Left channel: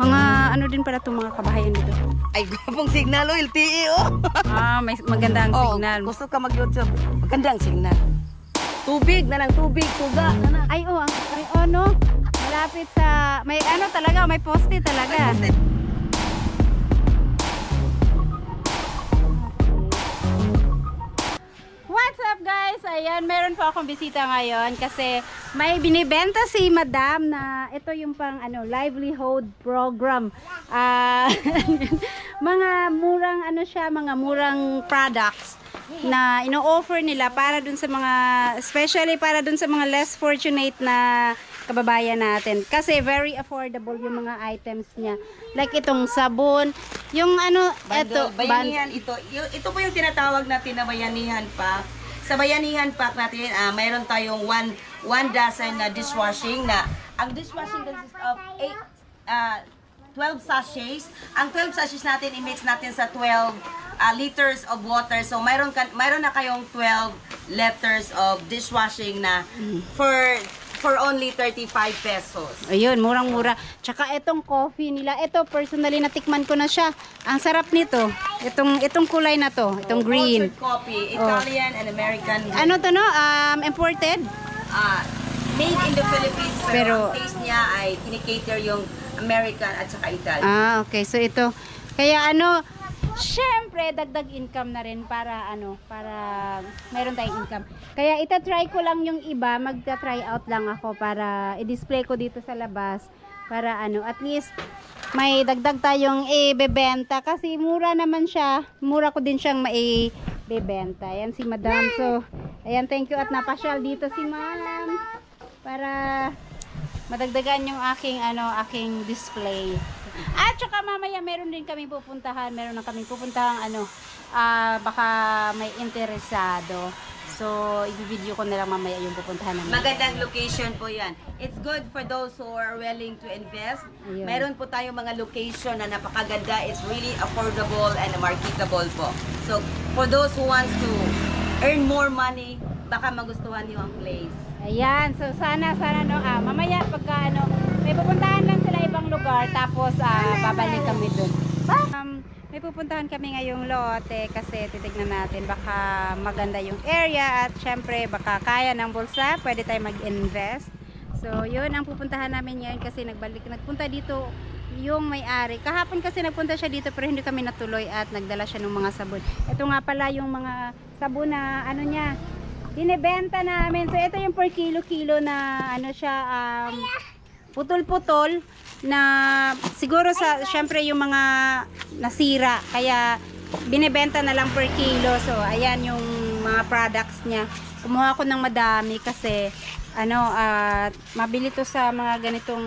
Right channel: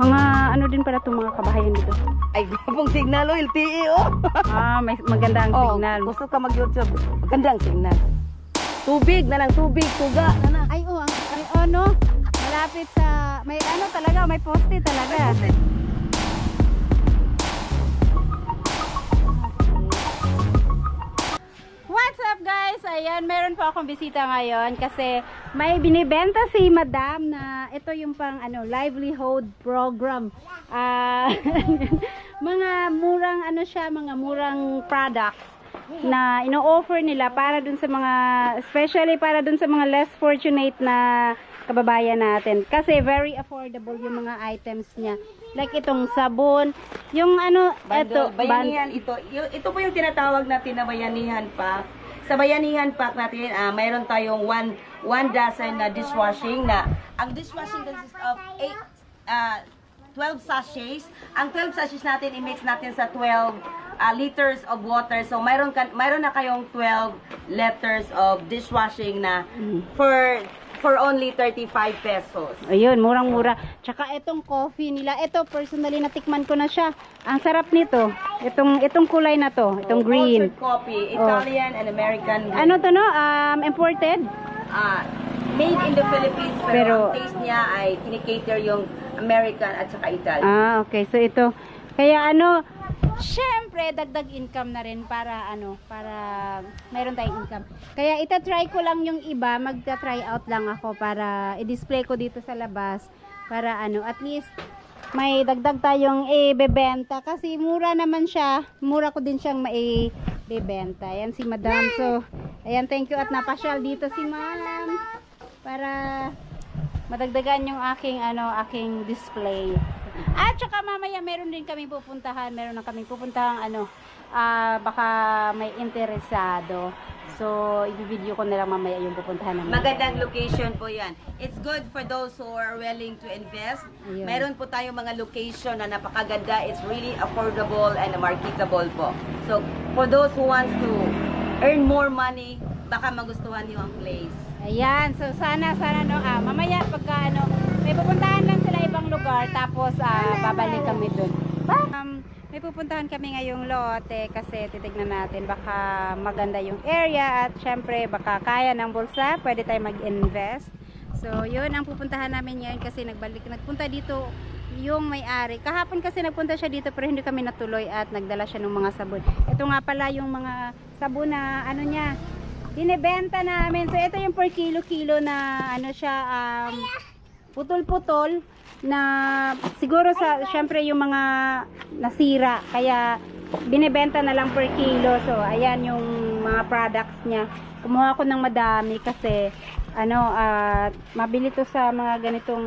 Mga ano din pala itong mga kabahayan dito. Ay, gupong signal o LTE oh. May maganda ang signal. Gusto ka mag-YouTube. Magandang signal. Tubig na lang, tubig, tuga na na. Ay, no? Malapit sa, may ano talaga, may poste talaga. What's up guys? Ayan, meron po akong bisita ngayon kasi may binibenta si Madam na ito yung pang livelihood program. Mga murang mga murang products na ino-offer nila para dun sa mga, especially para dun sa mga less fortunate na kababayan natin. Kasi very affordable yung mga items niya. Like itong sabon, yung bayanihan ito. Ito po yung tinatawag natin na bayanihan pack. Sa bayanihan pack natin, mayroon tayong one dozen na dishwashing na ang dishwashing consists of 12 sachets. Ang 12 sachets natin i-mix natin sa 12 liters of water. So mayroon na kayong 12 liters of dishwashing na for only 35 pesos. Ayun, murang-mura. Tsaka itong coffee nila, ito personally natikman ko na siya. Ang sarap nito. Itong kulay na to, itong green. Cultured coffee, Italian and American. Ano to no? Imported? Made in the Philippines, pero ang taste niya ay kinikater yung American at saka Italian. Okay. So ito, kaya syempre dagdag income na rin para mayroon tayong income. Kaya itatry ko lang yung iba, magta-try out lang ako para i-display ko dito sa labas para at least may dagdag tayong ibebenta kasi mura naman siya. Mura ko din siyang maibebenta. Ayan si Madam. So, ayan, thank you at napasyal dito si Ma'am para madagdagan yung aking display. At saka mamaya meron din kaming pupuntahan, baka may interesado. So, i-video ko na lang mamaya yung pupuntahan namin. Magandang location po yan. It's good for those who are willing to invest. Ayun. Meron po tayong mga location na napakaganda. It's really affordable and marketable po. So, for those who wants to earn more money, baka magustuhan niyo ang place. Ayan, so sana mamaya pagka may pupuntahan lang sila ibang lugar tapos babalik kami dun. May pupuntahan kami ngayong lote kasi titignan natin baka maganda yung area at syempre baka kaya ng bulsa, pwede tayo mag-invest. So yun ang pupuntahan namin ngayon kasi nagpunta dito yung may-ari. Kahapon kasi nagpunta siya dito pero hindi kami natuloy at nagdala siya ng mga sabon. Ito nga pala yung mga sabon na niya binebenta namin. So ito yung per kilo na putol-putol na siguro syempre yung mga nasira kaya binebenta na lang per kilo. So ayan yung mga products niya. Kumuha ko ng madami kasi mabili to sa mga ganitong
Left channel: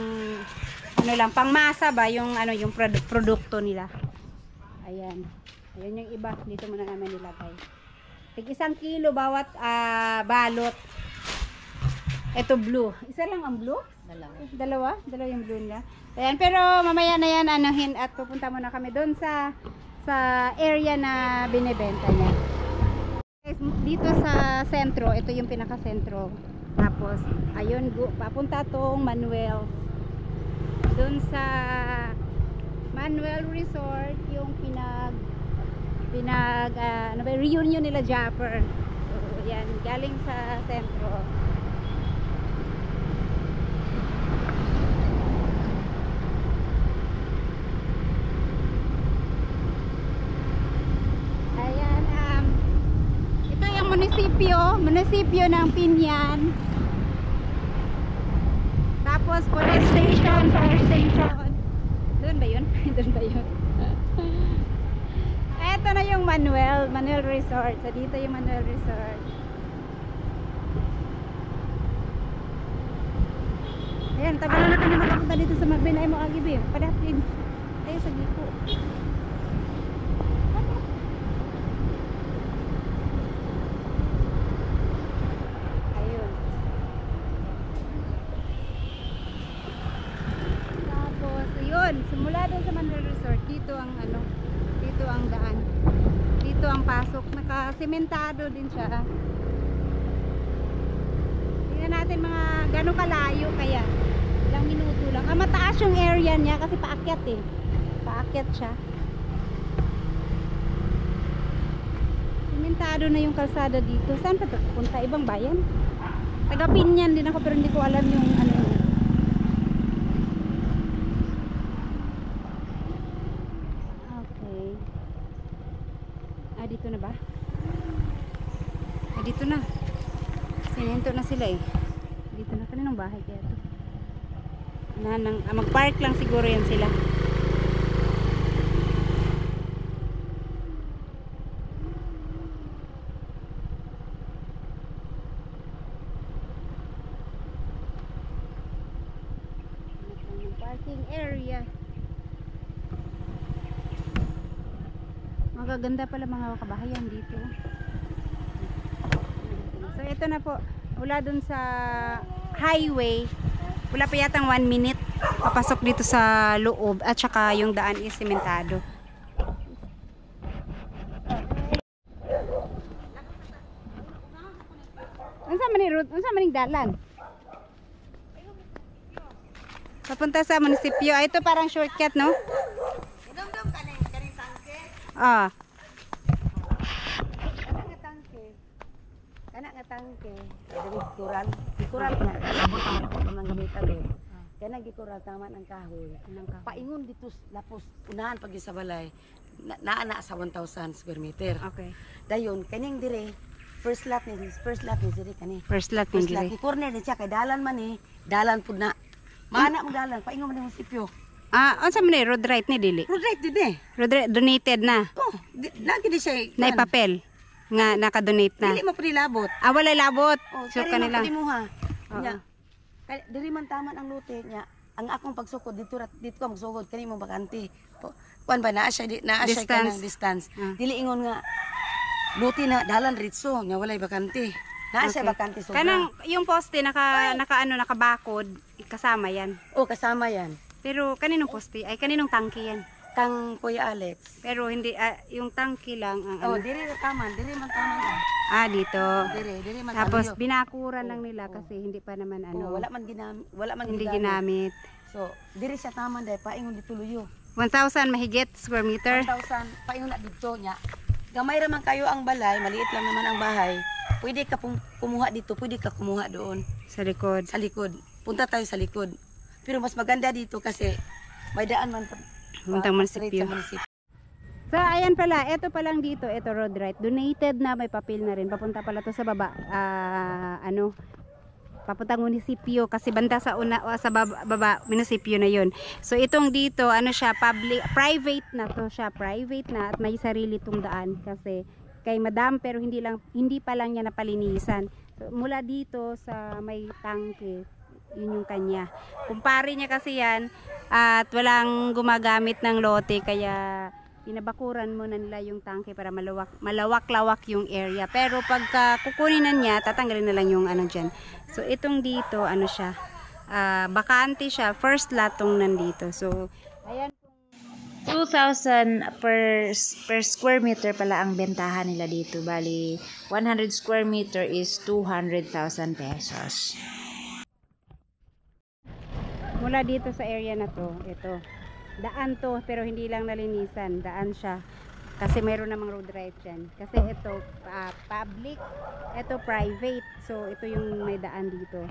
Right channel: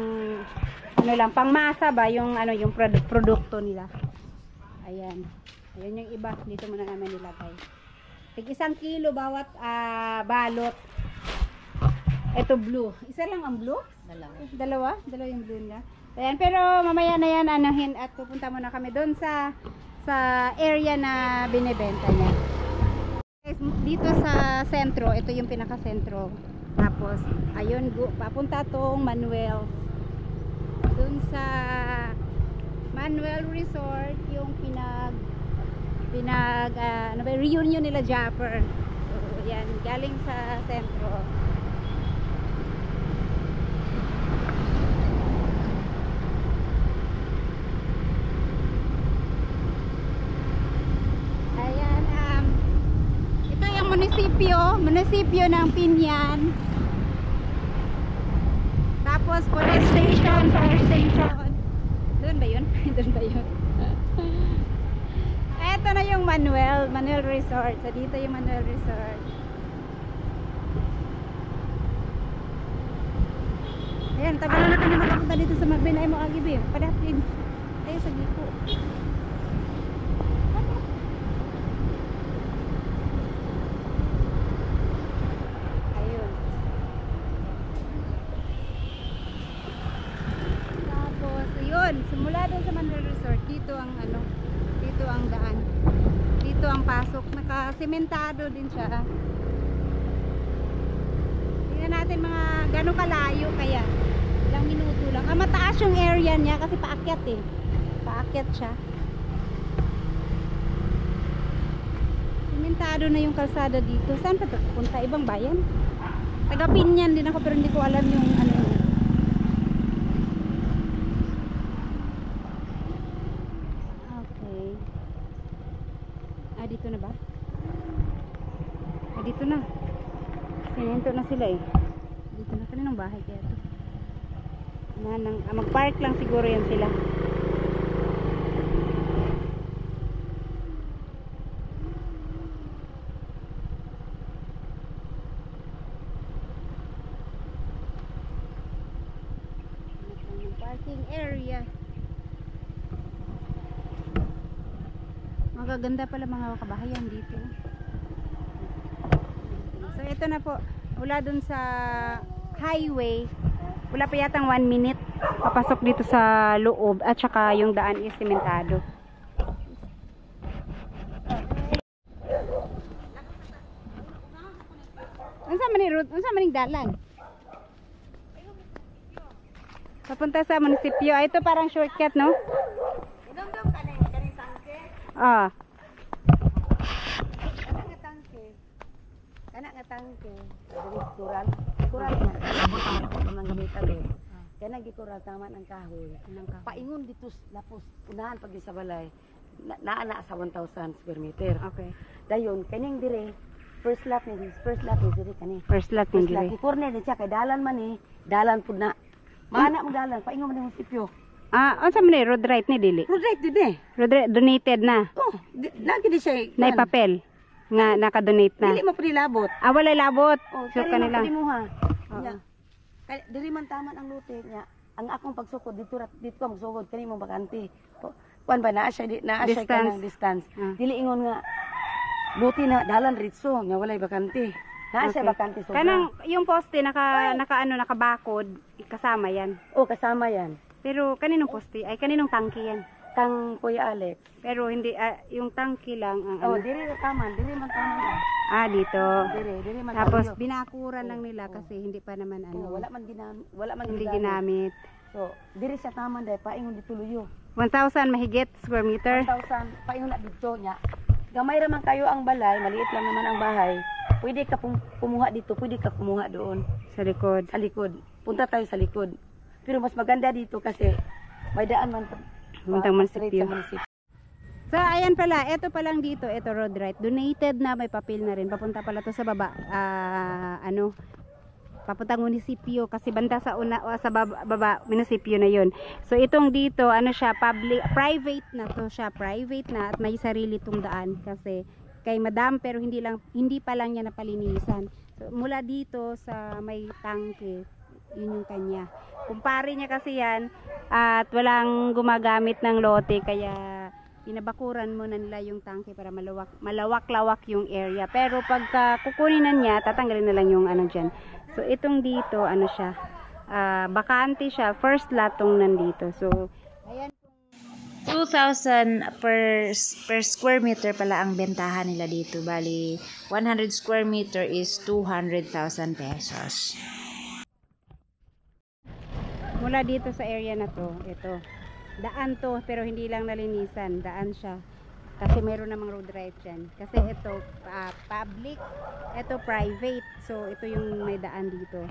pangmasa ba yung yung produkto nila. Ayan yung iba dito muna namin nilagay. Tig 1 kilo bawat balot. Ito blue. Isa lang ang blue? Dalawa yung blue niya. Ayan, pero mamaya na yan at pupunta muna kami doon sa area na binebenta niya. Dito sa sentro, ito yung pinaka-sentro. Tapos ayun, papunta tong Manuel. Doon sa Manuel Resort yung reunion nila Japper. So, yan, galing sa sentro. Munisipyo ng Pinyan. Tapos police station, fire station. Doon ba yun? Doon ba yun? Eto na yung Manuel Resort. So dito yung Manuel Resort. Ayan, tagal na natin makapunta dito sa Magbinay mo agibir. Padating tayo sa Gipo. Simula doon sa Manuel Resort, dito ang daan. Dito ang pasok, naka-sementado din siya. Tingnan natin mga gano'ng kalayo kaya. Ilang minuto lang. Mataas mataas yung area niya kasi paakyat eh. Paakyat siya. Simentado na yung kalsada dito. Saan pa ito pupunta? Ibang bayan? Taga Pinyan din ako pero hindi ko alam yung ano niya. Okay. Dito na ba? Dito na. Sinento na sila eh. Dito na. Kaninong bahay kaya ito? Mag-park lang siguro yan sila. Parking area. Magaganda pala mga kabahayan dito. So ito na po. Wala dun sa highway. Wala pa yatang 1 minute. Papasok dito sa loob. At saka yung daan is simentado. Unsa man ning dalan? Papunta sa munisipyo. Ito parang shortcut, no? Idom-dom ka na kaning tangke. Ah. Kana nga tangke. Kuran. Kuran na. Abot ang gamitan eh. Kaya nagikuran tama ng kahoy. Paingon dito lapos unahan pag sa balay. Naana sa 1,000 square meter. Okay. Dayon kaning dire first lot ni dire kani. First lot First lot ni. ni corner ni siya kay dalan man ni. Dalan pud na. Maana mo dalan paingon man ni munisipyo. Unsa man ni road right ni dili? Road right din eh. Road right donated na. Oh, lagi di siya. Na papel nga naka-donate na. Dili mo pud labot. Wala labot. Oh, So kanila. mo ha. Oo. Nya. Diri man taman ang lote niya. Ang akong pagsukod dito ko magsugod kani mo bakante. Kuan ba naa siya Distance. kanang distance. Dili ingon nga lote na dalan ritso nya walay bakante. Naa siya Okay. bakante sobra. Kanang yung poste nakabakod kasama yan. Oh, kasama yan. Pero kaninong poste ay kaninong tangke yan. Kang Kuya Alex. Pero hindi yung tangke lang ang Oh, ano. diri man taman. Dito. Diri man Tapos tayo. binakuran lang nila kasi hindi pa naman Oh, ano. wala man Hindi ginamit. ginamit. So, diri siya taman dai paingon dito luyo. 1,000 mahigit square meter. 1,000 paingon na dito nya. Gamay ra man kayo ang balay, maliit lang naman ang bahay. Pwede ka kumuha dito, pwede ka kumuha doon Sa likod. sa likod. Punta tayo sa likod. Pero mas maganda dito kasi may daan man Puntang straight munisipyo. sa munisipyo. So ayan pala, ito pa lang dito, ito road right. Donated na, may papel na rin. Papunta pala to sa baba. Papuntang munisipyo kasi banda sa sa baba munisipyo na 'yon. So itong dito, ano siya, private na to siya, private na at may sarili tong daan kasi kay madam pero hindi pa lang niya napalinisan. So mula dito sa may tangke, yun yung kanya. Kumpare niya kasi yan at walang gumagamit ng lote kaya pinabakuran mo na nila yung tangke para malawak-lawak yung area. Pero pagka kukunin na niya, tatanggalin na lang yung ano dyan. So itong dito, ano siya, bakante siya, first lot tong nandito. So, ayan. 2,000 per square meter pala ang bentahan nila dito. Bali, 100 square meter is 200,000 pesos. Mula dito sa area na to, ito. Daan to, pero hindi lang nalinisan. Daan siya. Kasi mayroon namang road right dyan. Kasi ito, public. Ito, private. So, ito yung may daan dito.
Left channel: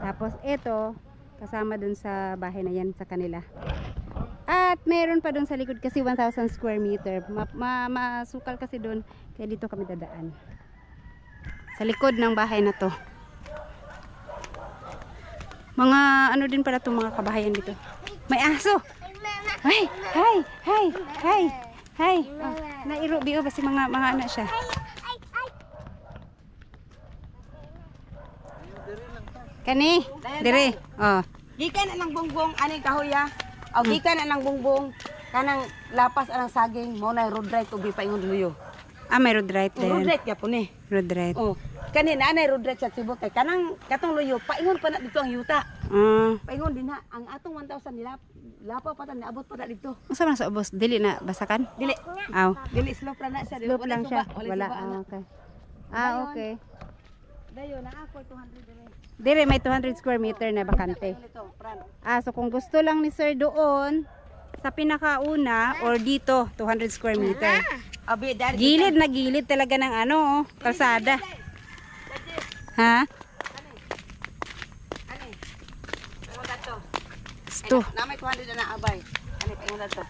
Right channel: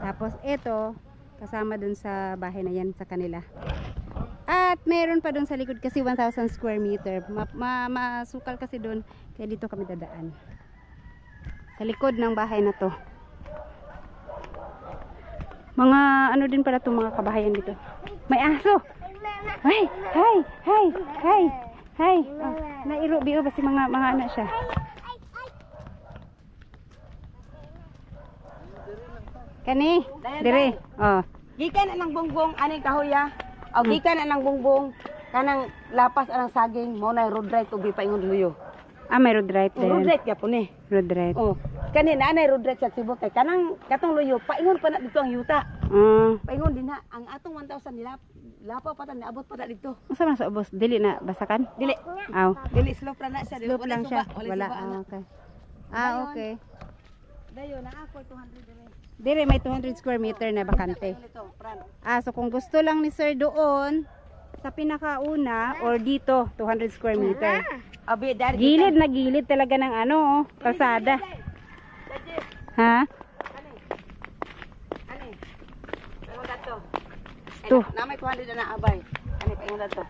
Tapos, ito, kasama dun sa bahay na yan sa kanila. At mayroon pa dun sa likod kasi 1,000 square meter. Masukal kasi dun. Kaya dito kami dadaan. Sa likod ng bahay na to. Mga ano din pala itong mga kabahayan dito. May aso! Hi! Hi! Hi! Hi! Hi! Oh, nairo biyo basi mga ano siya. Kani? Dire. Oh. Gikan na lang bongbong ani kahoya. Aw gikan na lang bongbong kanang lapas anang saging mo na road right ug paingon luyo. May road right Road there. right gyapon eh. Road right. Oh, kani nanay road right sa Cebu kay kanang katong luyo paingon pa na dito ang yuta. Paingon din na ang atong 1,000 nila lapaw pa ta niabot pa ta dito. Unsa man sa ubos? Dili na basakan? Dili. Aw. Dili slope ra na siya. Slope lang siya. Wala. Wala. Suba, ana. Okay. Dayon. Okay. Dayon na ako 200 dire. Dire may 200 square meter na bakante. Ito, front. So kung gusto lang ni sir doon sa pinakauna or dito 200 square meter. Abi, dari Gilid na gilid talaga ng ano, kalsada. Ha? Ani? Paingon dato. Sto. Na may 200 na abay. Ani paingon dato.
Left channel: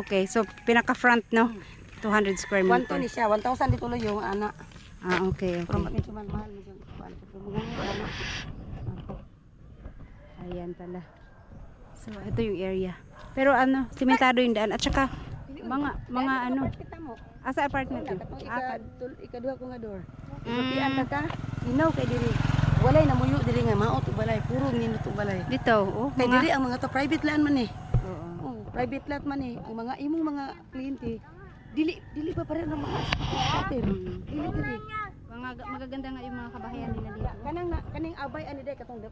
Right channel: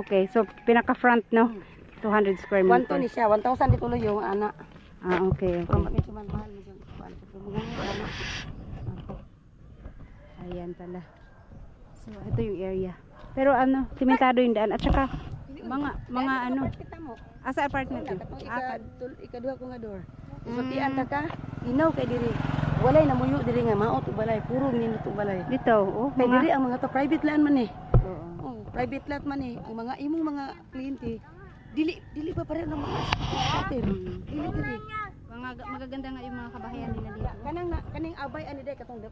Okay. So pinaka front no. 200 square 1 meter. ni siya, 1,000 dituloy yung anak. Okay. Pero medyo man mahal medyo. Ano? Ayan pala. So ito yung area. Pero ano, simentado yung daan at saka mga ano, Kita mo. asa apartment yun? Katong ikaduha ko nga door. Isultian ta ka. Inaw kay diri. Walay na muyo diri nga maot ug balay, puro nindot ug balay. Dito, oh. Kay diri ang mga to private land man eh. Oo. Oh, private lot man eh. Ang mga imong mga kliyente dili pa pareho ng mga hotel. Dili. Mga magaganda nga yung mga kabahayan nila dito. Kaning abay ani day katong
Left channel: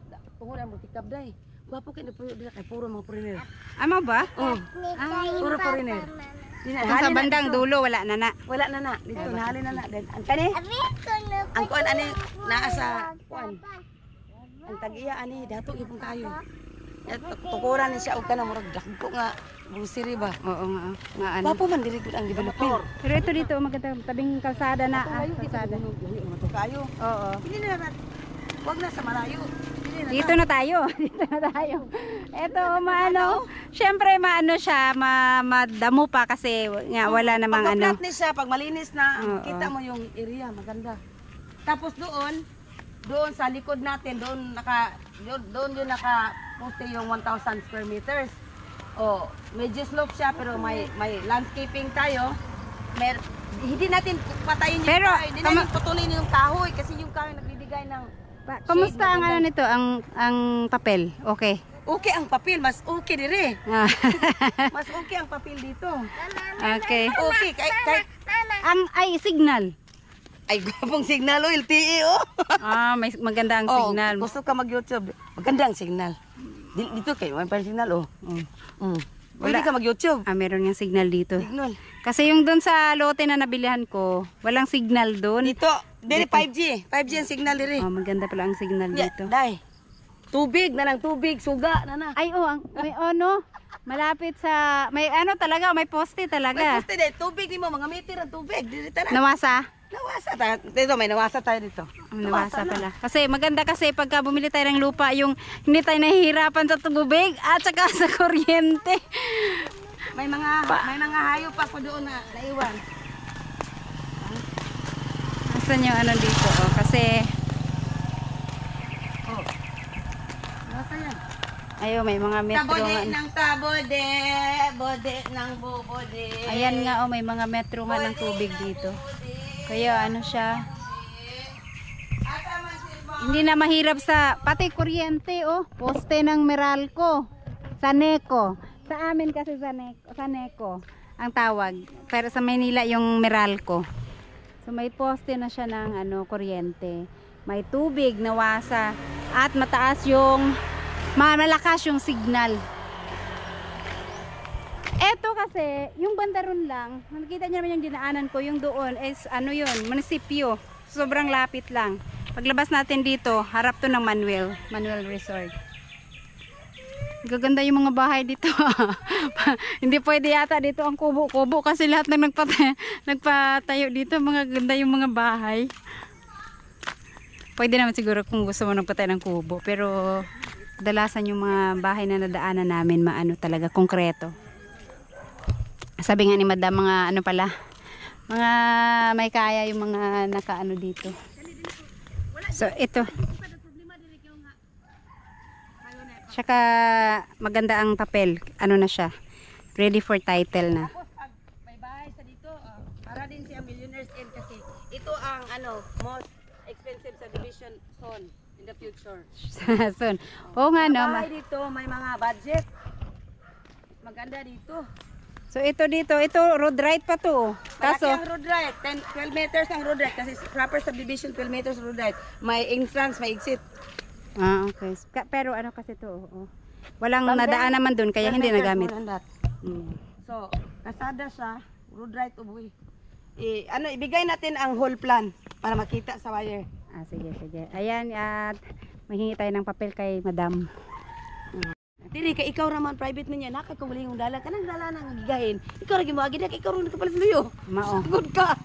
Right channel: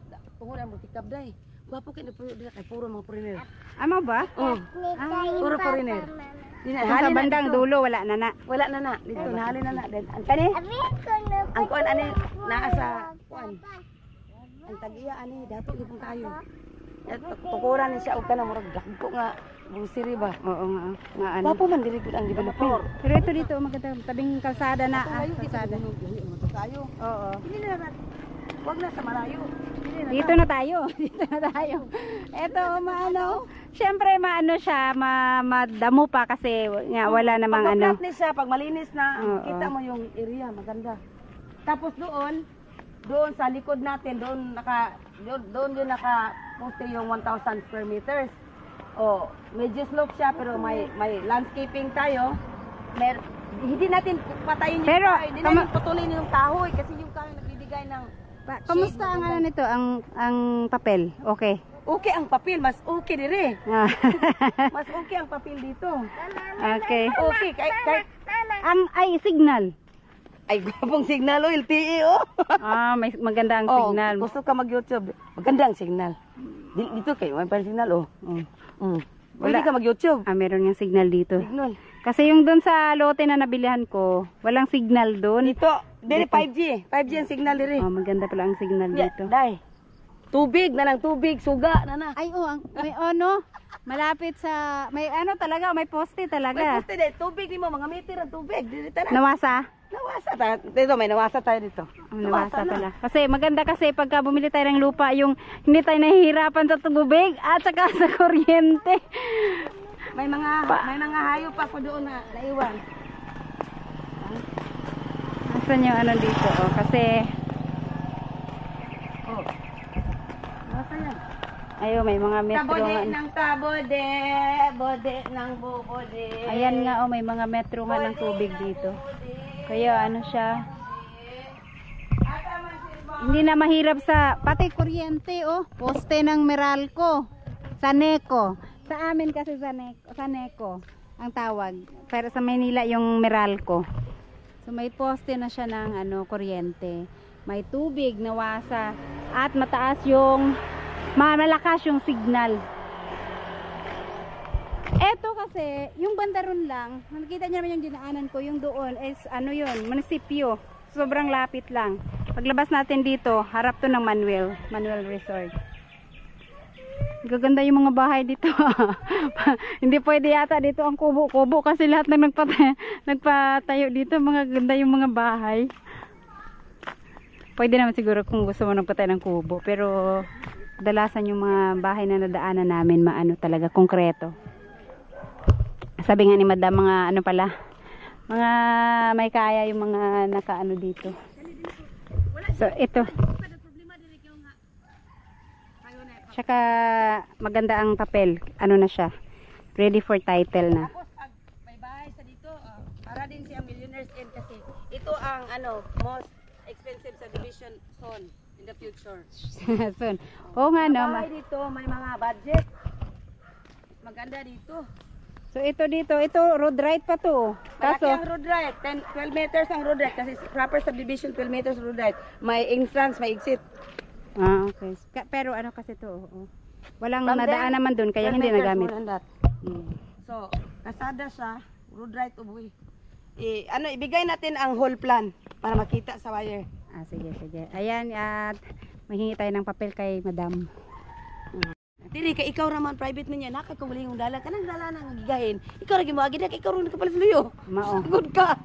tungod ang multikab day. Gwapo kay diri kay puro mga foreigner. Ama ba? Oh, puro foreigner. Kung sa bandang dulo wala na na. Wala na na dito nahali na na. Ang kani ang kuan ani naa sa kuan. Ang tag-iya ani dato gyud kayo. Tukuran ni siya og kana murag dagko nga busiri ba. Oo nga. Nga ano. Gwapo man diri gud ang development. Pero ito dito maganda tabing kalsada na. Kalsada. Kayo. Oo. Dili na wag na sa malayo. Dito na tayo. Dito na tayo. Ito maano. Syempre maano siya, madamo pa kasi nga wala namang ano. Pag ni siya pag malinis na Oo. kita mo yung area maganda. Tapos doon sa likod natin doon yun naka poste yung 1,000 square meters. Oh, medyo slope siya pero may landscaping tayo. Hindi natin patayin yung Pero, kahoy. Hindi natin putulin yung kahoy kasi yung kahoy nagbibigay ng Kamusta shade ang maganda. ano nito, ang papel? Okay. Okay ang papel, mas okay dire. Ah, Mas okay ang papel dito. okay. Okay, kahit Ay signal. ay gwapong signal o LTE oh. May maganda ang Oh, signal. gusto ka mag-YouTube. Maganda ang signal. Dito kayo, may pa signal oh. Pwede ka mag-YouTube. Meron yung signal dito. Signal. Kasi yung doon sa lote na nabilihan ko, walang signal doon. Dito, dili 5G. 5G ang signal diri. Maganda pala ang signal dito. Dai. Tubig na lang tubig, suga na na. Ay, may ano, malapit sa, may ano talaga, may poste May talaga. poste dai, tubig ni mo mga meter ang tubig diri ta na. Nawasa? Nawasa ta. Dito may nawasa tayo dito. Nawasa pala. Kasi maganda kasi pagka bumili tayo ng lupa, yung hindi tayo nahihirapan sa tubig at saka sa kuryente. May mga hayop pa ko doon na naiwan. Nasaan yung ano dito? Kasi, Nawasa yan. ayo may mga metro. Tabode ng tabode, bode ng bubode. Ayan nga, may mga metro nga ng tubig dito. Kaya ano siya, hindi na mahirap sa, pati kuryente, poste ng Meralco, Saneco. Sa amin kasi Saneco ang tawag. Pero sa Manila yung Meralco. So may poste na siya ng kuryente. May tubig na wasa at mataas yung malakas yung signal. Eto kasi, yung bandaron lang, nakikita niyo naman yung dinaanan ko, yung doon is yun, munisipyo. Sobrang lapit lang. Paglabas natin dito, harap to ng Manuel Resort. Gaganda yung mga bahay dito. Hindi pwede yata dito ang kubo-kubo kasi lahat ng nagpatayo dito, mga ganda yung mga bahay. Pwede naman siguro kung gusto mo nagpatayo ng kubo, pero kadalasan yung mga bahay na nadaanan namin talaga konkreto. Sabi nga ni Madam, mga mga may kaya yung mga nakaano dito. So ito. Tsaka maganda ang papel. Ano na siya? Ready for title na. Tapos may bahay sa dito, para din siya millionaire's end kasi ito ang most expensive subdivision zone in the future. Soon. Oo nga no. Bahay dito, may mga budget. Maganda dito. So ito dito, ito road right pa to. Malaki Kaso, ang road right, 12 meters ang road right kasi proper subdivision 12 meters road right. May entrance, may exit. okay. Pero ano kasi to, walang nadaan naman doon kaya 12 hindi meters, nagamit. more than that. So, kasada siya, road right uboy. Ibigay natin ang whole plan para makita sa wire. Sige. Ayan, at Maghingi tayo ng papel kay madam. Dili kay ikaw raman private niya nakay ko wala yung dala kanang dala nang gigahin. Ikaw ra gimoagi na kay ikaw ra kapalit luyo. Mao. Good ka.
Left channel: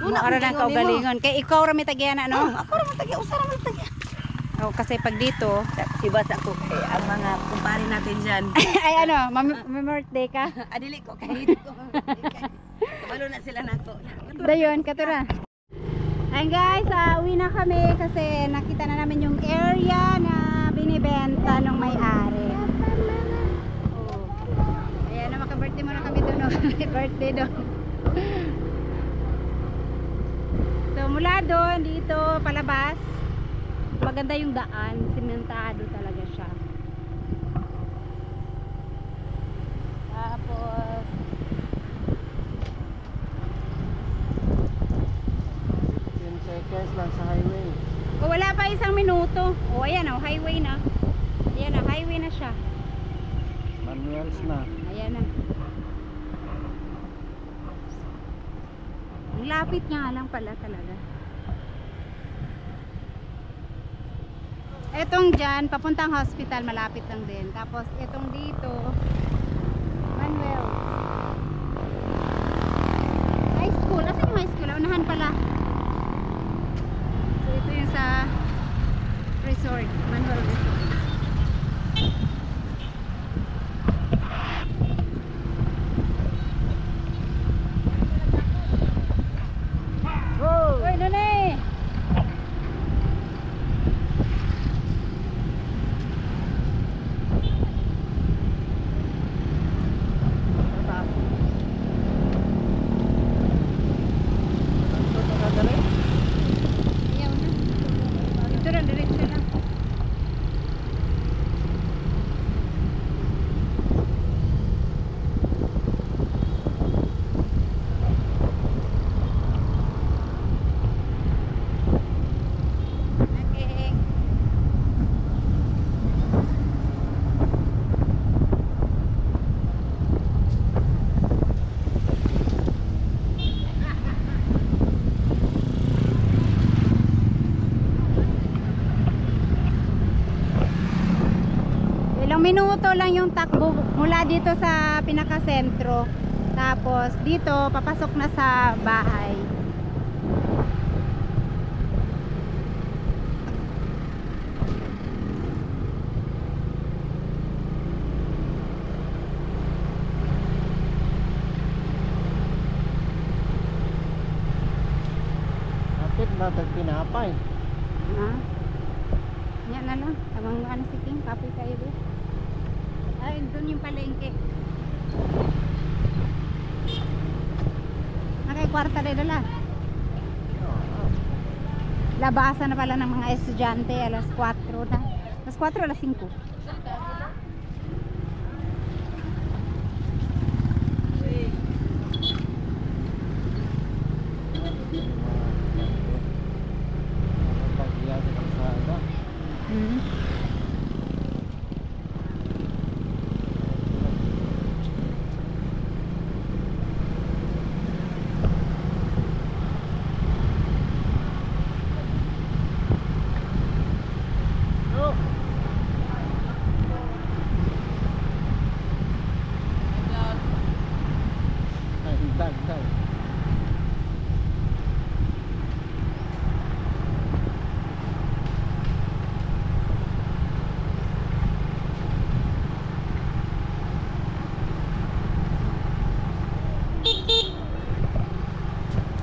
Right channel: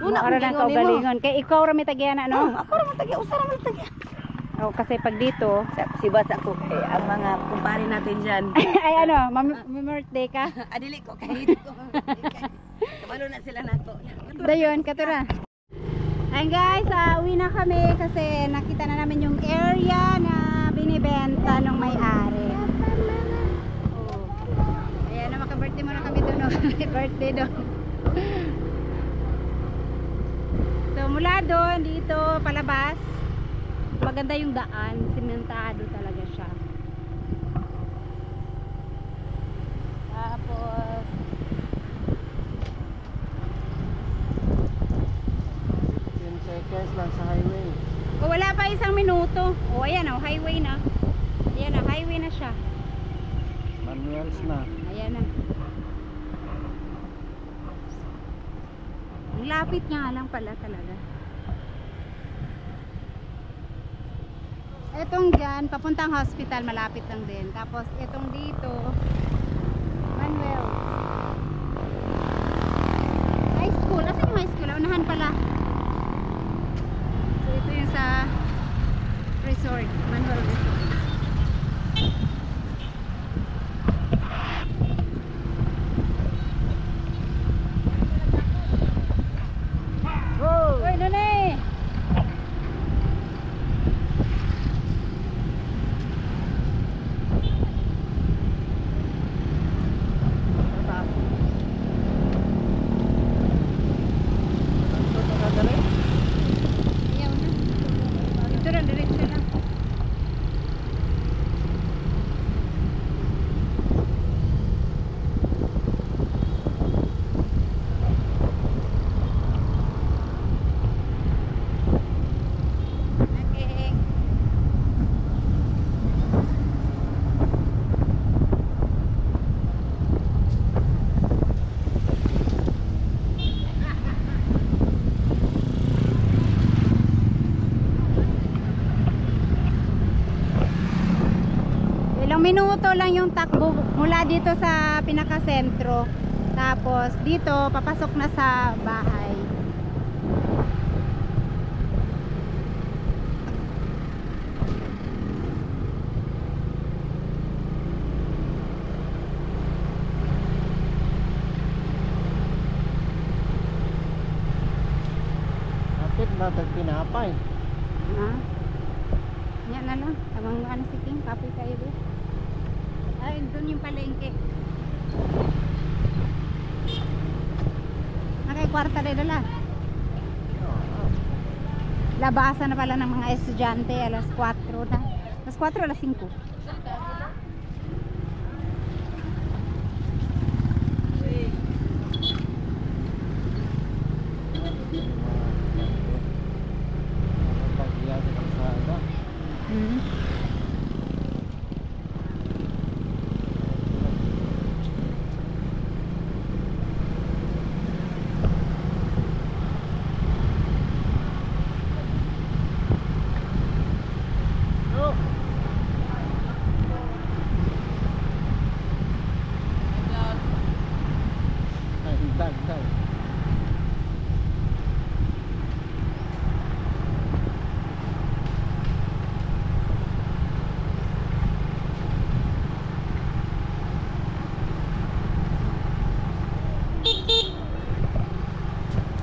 Muna ko lang kaugalingon. Kay ikaw ra may tagyan no? Ako ra man tagya, usa ra man tagya. Oh, kasi pag dito, Si bata ko kay ang mga kumpare natin diyan. ay ano, birthday ka? Adili ko kay dito. Kabalo na sila nato. Dayon, katura. Ayun guys, uwi na kami kasi nakita na namin yung area na binibenta ng may-ari. Oh. Ayan na, maka-birthday muna kami doon. No? Birthday doon. So mula doon, dito, palabas. Maganda yung daan. Simentado talaga siya. Tapos, 10 seconds lang sa highway. oh, wala pa isang minuto. Oh, ayan oh, highway na. Ayan na, highway na siya. Manuals na. Ayan na. Ang lapit nga lang pala talaga. Etong dyan, papuntang hospital, malapit lang din. Tapos etong dito, Manuel. High school. Asan yung high school? Unahan pala. So ito yung sa resort. Manuel Resort. Uy, doon eh! Ito nakadali. Ayaw na. Dito lang, diretso lang. Okay. Ilang minuto lang yung takbo mula dito sa pinakasentro. Tapos dito papasok na sa bahay. Kapit ba tag pinapay? Ha? Yan na lang. Tamang ano si King, kapoy kayo ba? Ay, doon yung palengke. Nakay-kwarta rin dala. Labasan na pala ng mga estudyante alas 4 na. Alas 4 alas 5. Pag-iya sa kalsada. Hmm. Oh! Ay, dag.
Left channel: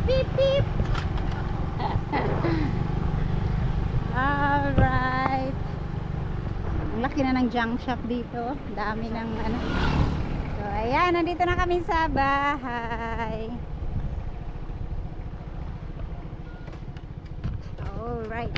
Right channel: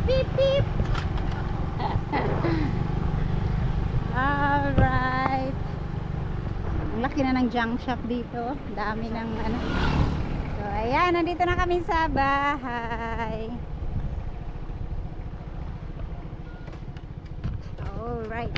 Beep beep. Alright. Ang laki na ng junk shop dito. Dami ng ano. So ayan, nandito na kami sa bahay. Alright.